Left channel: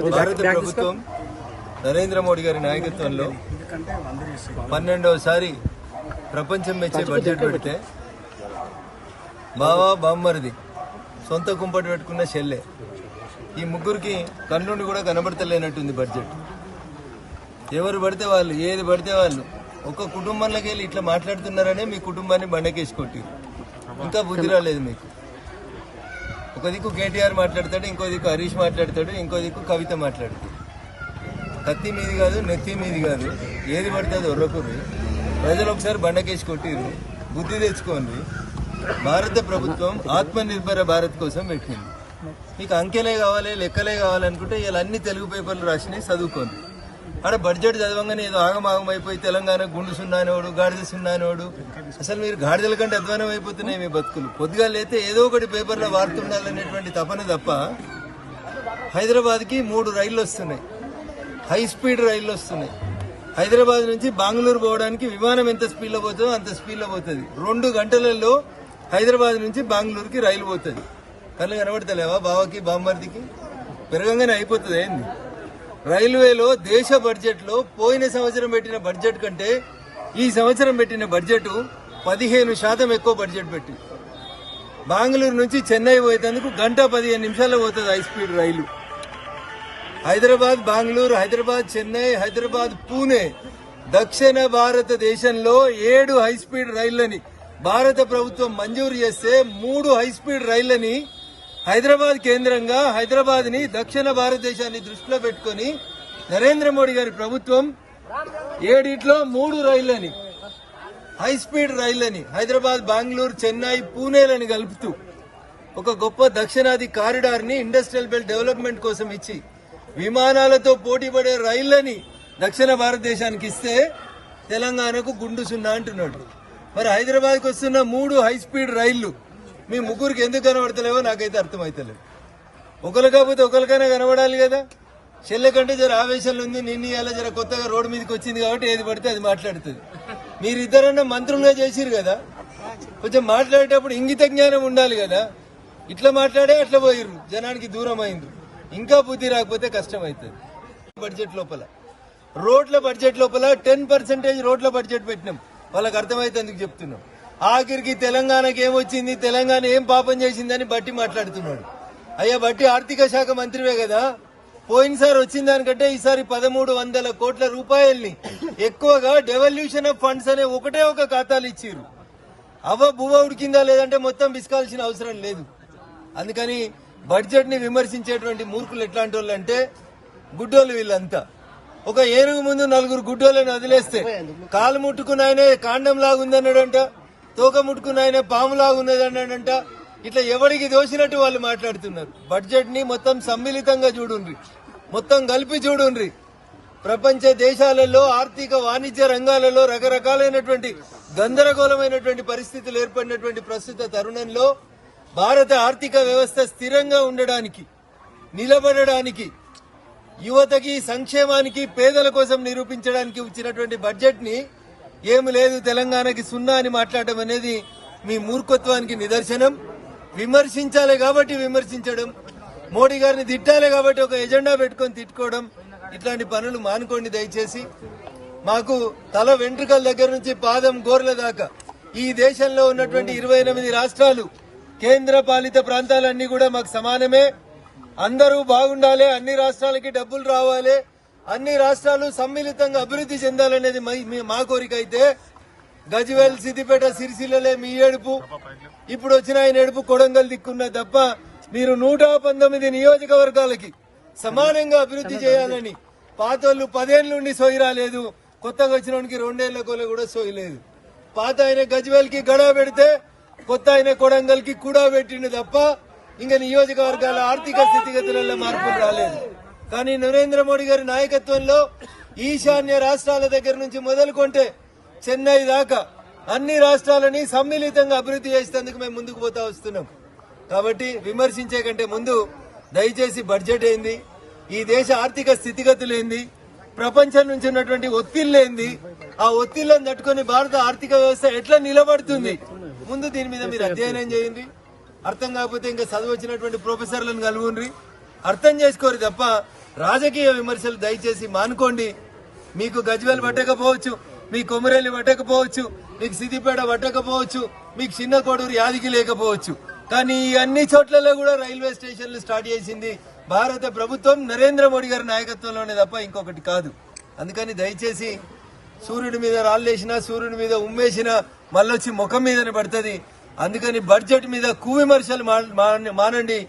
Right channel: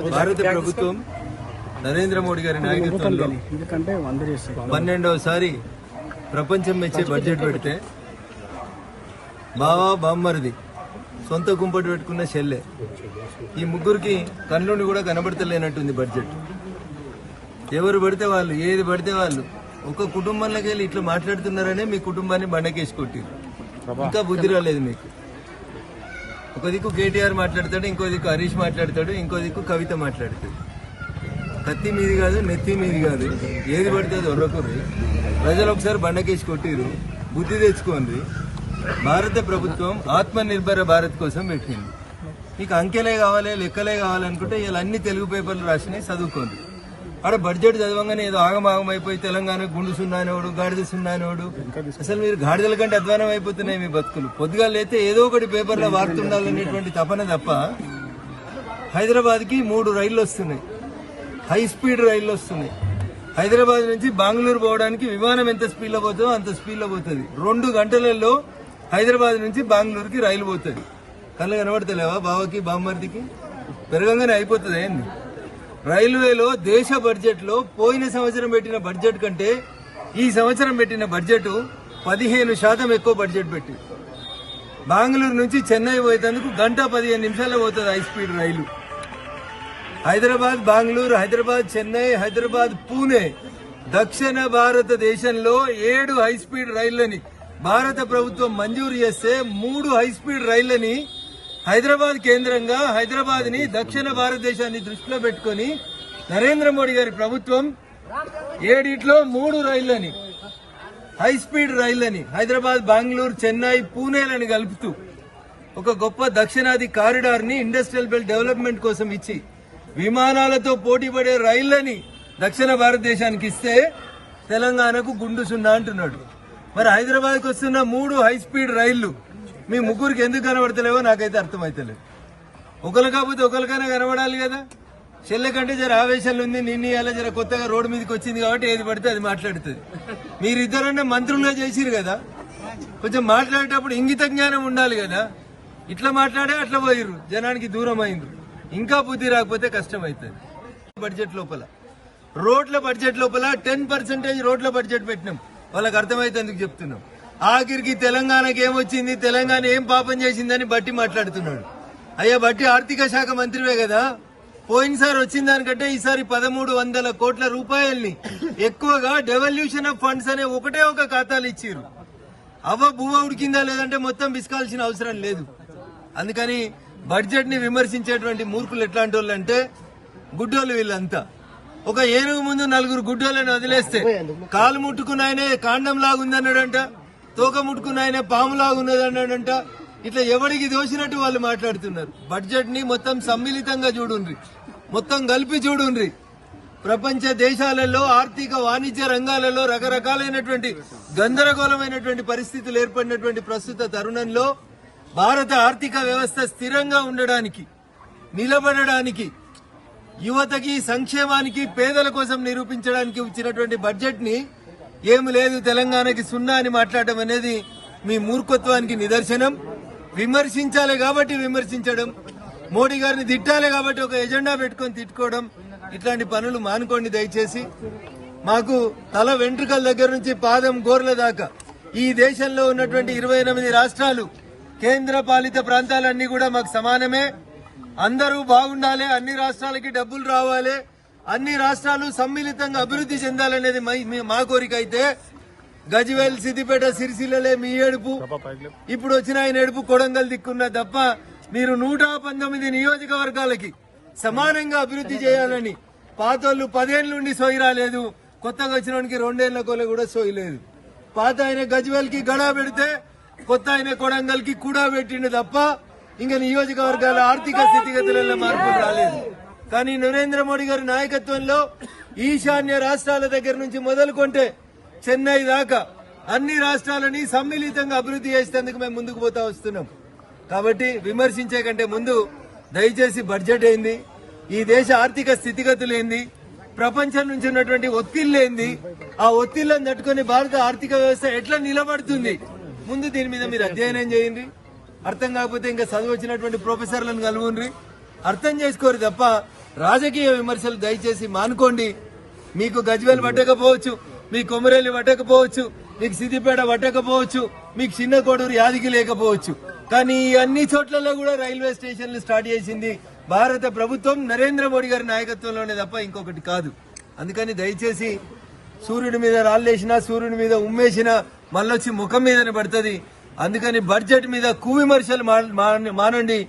భారత ప్రభుత్వం నరేంద్ర మోడీ గారి నాయకత్వంలో 12వసారి ప్రపంచం మెచ్చే బడ్జెట్ పెడితే బావా బామ్మరిది సొంత కుంపటి పెట్టుకున్న చెల్లె ఈ ముగ్గురికి కళ్ళుండి కూడా కనబడతలేనట్టుంది బడ్జెట్. ఎవరు పడితే వాళ్ళు ఏది పడితే వాళ్ళు ఒక కుటుంబంలోకి వెళ్ళి ఇట్లా మాట్లాడుతున్నారనే మీ కుటుంబాన్ని బండకేసి కొట్టి ఇంకా బుద్ధి రాలేదు మీకు. ఒక దిక్కు కేటీఆర్ మాట్లాడతాడు, ఇంకో దిక్కు హరీష్ మాట్లాడతాడు, ఇంకో దిక్కు కవిత మాట్లాడతాడు. కత్తి మీది కాదు, నెత్తి మీది కాదు, ఏది పడుతుంది ఒర్రకూరు. ప్రజలు ఒకసారి బండకేసి కొట్టిరు, బుద్ధి తెచ్చుకోండి. భారత ప్రభుత్వం ఆత్మనిర్భర భారత్ కోసం పెట్టింది. మీకు అంకెలే కావాలి, లెక్కలే కావాలనుకుంటే ఇలా అన్ని తెలుగు పేపర్లు రాసినాయి, చదువుకోండి. అక్కడ బడ్జెట్ చదవంగానే ఏదో ఆగమాగం అయిపోయి తెలంగాణ గుండు సున్నానోడు, గాడిద సున్నానోడు, అసలు మీరు గాడిదల కంటే అధ్వానం అయిపోతున్నాయి మీ బతుకులు. పొద్దుగా లేతే ఏదో ఒకటి పేపర్లో వార్తుండాలనేటువంటి తపన తప్ప. హైదరాబాద్కి 3 రైళ్లు వస్తున్నాయి, హై స్పీడ్ రైళ్లు వస్తున్నాయి. హైదరాబాద్ నుంచి బెంగళూరు పోవడానికి విమానం ఎంత స్పీడ్లో పోతుందో అంత స్పీడ్లో పోతుంది. 2 గంటలలో హైదరాబాద్ నుంచి బెంగళూరుకి రైలు పోతుంది. కళ్ళు కనబడతలేవా బావకి బామ్మర్దికి? పెరగంగానే అయిపోతుంది ఏంది? రైల్వేలో దేశ బడ్జెట్ లో పోయిన సంవత్సరం పెట్టిన బడ్జెట్ కంటే ఈ సంవత్సరం పెట్టిన బడ్జెట్ 15% ఎక్కువ బడ్జెట్ పెట్టి బెంగళూరు నుంచి చెన్నై పోయేందుకు 1:15 నిమిషాల్లో పోతుంది హై స్పీడ్ రైలు. హైదరాబాద్ బెంగళూరు, హైదరాబాద్ చెన్నై, హైదరాబాద్ పూణే, దక్షిణ భారతదేశంలో 7 హై స్పీడ్ రైళ్లని భారత ప్రభుత్వం మంజూరు చేస్తే 3 హై స్పీడ్ రైళ్లని హైదరాబాద్ కేంద్రంగా హైదరాబాద్ ని దక్షిణ భారతదేశాన్ని దృష్టిలో పెట్టుకుని నరేంద్ర మోడీ గారి ప్రభుత్వం 7 3 రైళ్లని హై స్పీడ్ రైళ్లని హైదరాబాద్, బెంగళూరు, చెన్నై, పూణేలని కలుపుతూ ఒక గొప్ప దక్షిణాది కారిడార్ ని ఇండస్ట్రియల్ బెల్ట్ డెవలప్మెంట్ కోసం ఇచ్చి విమానాలతో పోటీ పడే రైళ్లని దక్షిణ భారతదేశానికి ఇస్తే తెలంగాణకు గుండు సున్నా అంటున్నాడు. మరి హైదరాబాద్కి వస్తున్న 3 హై స్పీడ్ రైళ్లు మీ ముగ్గురికి ఎందుకు కనబడతలేవో నాకైతే అర్థమైతలేదు. ఒకరు కాకపోతే ఒకరికైనా కనబడాలి కదా. చెల్లె కంటే జర ఆవేశాలు ఉంది, నిన్న ఇలా జర కొత్తగా రోడ్డు మీదకి వచ్చింది కాబట్టి ఏది పడితే అది మాట్లాడుతుంది. మీరిద్దరన్నా మంత్రులుగా చేసిరు కదా, కొంచెం మాట్లాడేటప్పుడు ఇంగిత జ్ఞానం ఉండాలి కదా. ఇట్లా మాట్లాడే అట్లా పోయిర్రు, జనానికి దూరం అయింది. ఇంకా బుద్ధి రాకపోతే కష్టం అవుతుంది. బడ్జెట్ లోపల రోడ్ల బడ్జెట్ లోపల 10% రోడ్ల బడ్జెట్ పెట్టినాం. వాళ్ళకి అర్థమైతే ఎందుకు చెప్తున్నాం. ఆఖరికి తెలంగాణకి ఏమొచ్చింది, తెలంగాణ ఏం పాపం చేసిందని బట్టి మాట్లాడుతున్నాడు. అయ్యా బట్టి ఆర్థిక శాఖ మంత్రివే కదా, పోయినసారి వచ్చిన దానికంటే ఈసారి 1300 కోట్ల రూపాయల్ని ఎక్కువగా డెవల్యూషన్ ఆఫ్ ఫండ్స్ అనే ఒకటే ఒక ఖాతాలు ఇచ్చిర్రు. బువ్వ ఉడికిందా లేదంటే మొత్తం బిస్కాల్సిన అవసరం లేదు. అందుకని బడ్జెట్ ని విమర్శించేటువంటి మూర్ఖులు ఎట్లాంటి వాళ్ళు అంటే గుడ్డోళ్ళు వీళ్ళంతా. ఒక ఏనుగు ముందు 4 గుడ్డోళ్ళని వదిలేస్తే కాలు ముట్టుకున్న ఆయనే కాండం లాగుందన్నాడంట, తోక ముట్టుకున్న ఆయన పాము లాగున్నదన్నాడంట. ఇట్లా ఎవరికి దోషినట్టు వాళ్ళు మాట్లాడుతున్నారు. బడ్జెట్ ని మొత్తం సమ్మిళితంగా చూడుండ్రి, మొత్తం కలిపి చూడుండ్రి. ప్రపంచ దేశాలలో ఆర్థిక వాణిజ్య రంగాలలో రకరకాలైనటువంటి గందరగోళమైనటువంటి పరిస్థితులు ఏర్పడినటువంటి ప్రస్తుత తరుణంలో భారత ఆర్థిక వ్యవస్థ స్థిరంగా ఉండడానికి, నిలబడడానికి, యువతకి, సంక్షేమానికి, పేదల కోసం నిరూపించడానికి ఇచ్చినటువంటి బడ్జెట్ ని ఏమి లేదు తెలంగాణకి సున్నా అని మాట్లాడటం అనేది మీ మూర్ఖత్వానికి నిదర్శనం. విమర్శించాలి కాబట్టి విమర్శించడం, మోడీ గారిని తిట్టాలి కాబట్టి ఒక ఎజెండా పెట్టుకుని తిట్టుకోవడం, ఇట్లాంటి పనులు మానుకోండి దయచేసి. మాకు తల వెంట్రుకల దగ్గర నుంచి పాదం గోర్ల దాకా ఈ దేశంలో ఉన్నటువంటి 28 రాష్ట్రాలు, కేంద్ర పాలిత ప్రాంతాలన్నీ కూడా మాకు సమానమే. అందరూ బాగుండాలి, అన్ని రాష్ట్రాలకి డబ్బులు రావాలి, అన్ని రాష్ట్రాలు సమ్మిళితంగా అభివృద్ధి చెందాలనేది మా కోరిక. అయితే గజ్వేల్, సిద్దిపేట, సిరిసిల్లలే మీ ఏడుపు, ఇప్పుడు వచ్చిన ఆయన ఏడుపు కొడంగల్ దిక్కున్నా తప్ప మీరు 119 నియోజకవర్గాలకి సమానంగా అభివృద్ధి చేయాలని పాతోళ్లు 10 ఏళ్ల నుండి సోయి రాలేదు, కొత్తగా వచ్చినోనికి 2 ఏళ్ల కోలే కూడా సోయి లేదు. పాత ఆయన గజ్వేల్ కి గడా పెడితే కొత్త ఆయన కొడంగల్ కి కూడా పెట్టిండు తప్ప ఇంకా నియోజకవర్గాల ఆర్థిక స్థితిగతులలో మార్పులు రాలేదు. కానీ నరేంద్ర మోడీ గారి నాయకత్వంలో ఈశాన్య రాష్ట్రాల దగ్గర నుంచి మొదలుకొంటే చెన్నై దాకా అన్ని రాష్ట్రాలని సమ్మిళితంగా అభివృద్ధి చేసేందుకు మేము ముందుకు పోతా వస్తున్నాం. కాబట్టి విమర్శించే కంటే ముందు దయచేసి బడ్జెట్ ఏంది, ఈ దేశ ఆర్థిక స్థితిగతులు ఏంది, ప్రపంచం నుంచి ఉన్నటువంటి ఒత్తిళ్లేంది, ఆ ఒత్తిళ్లను తట్టుకుని భారత ఆర్థిక వ్యవస్థ ఎట్లా నిలబడుతుంది, ముందు దీని మీద మీరు అధ్యయనం చేయండి. అర్థం కాకపోతే ఇంకా చదువు వచ్చినటువంటి ప్రొఫెసర్లను కలువుండ్రి, అర్థం చేసుకోరు తప్ప రాజకీయ విమర్శలు దయచేసి మానుకోండి. మీకు గజ్వేల్ పట్టకపోవచ్చు, మీ కొమరేలి పట్టకపోవచ్చు, మీకు సిద్దిపేట పట్టకపోవచ్చు, మీకు చిన్న కోడూరు యాదికి లేకపోవచ్చు, కానీ ఈ అన్ని చోట్లలో కూడా రైల్వే స్టేషన్లు స్టార్ట్ చేసింది భారత ప్రభుత్వం నరేంద్ర మోడీ గారి నాయకత్వంలోనే తప్ప ఇంకొకటి కాదు. అందుకని దయచేసి సూర్యుడి మీద రాళ్ళేసినా, సూర్యుడి మీద ఉమ్మేసినా మళ్ళొచ్చి ముఖం మీదనే పడుతుంది. అందుకని బడ్జెట్ మీద కువిమర్శలు మానండి.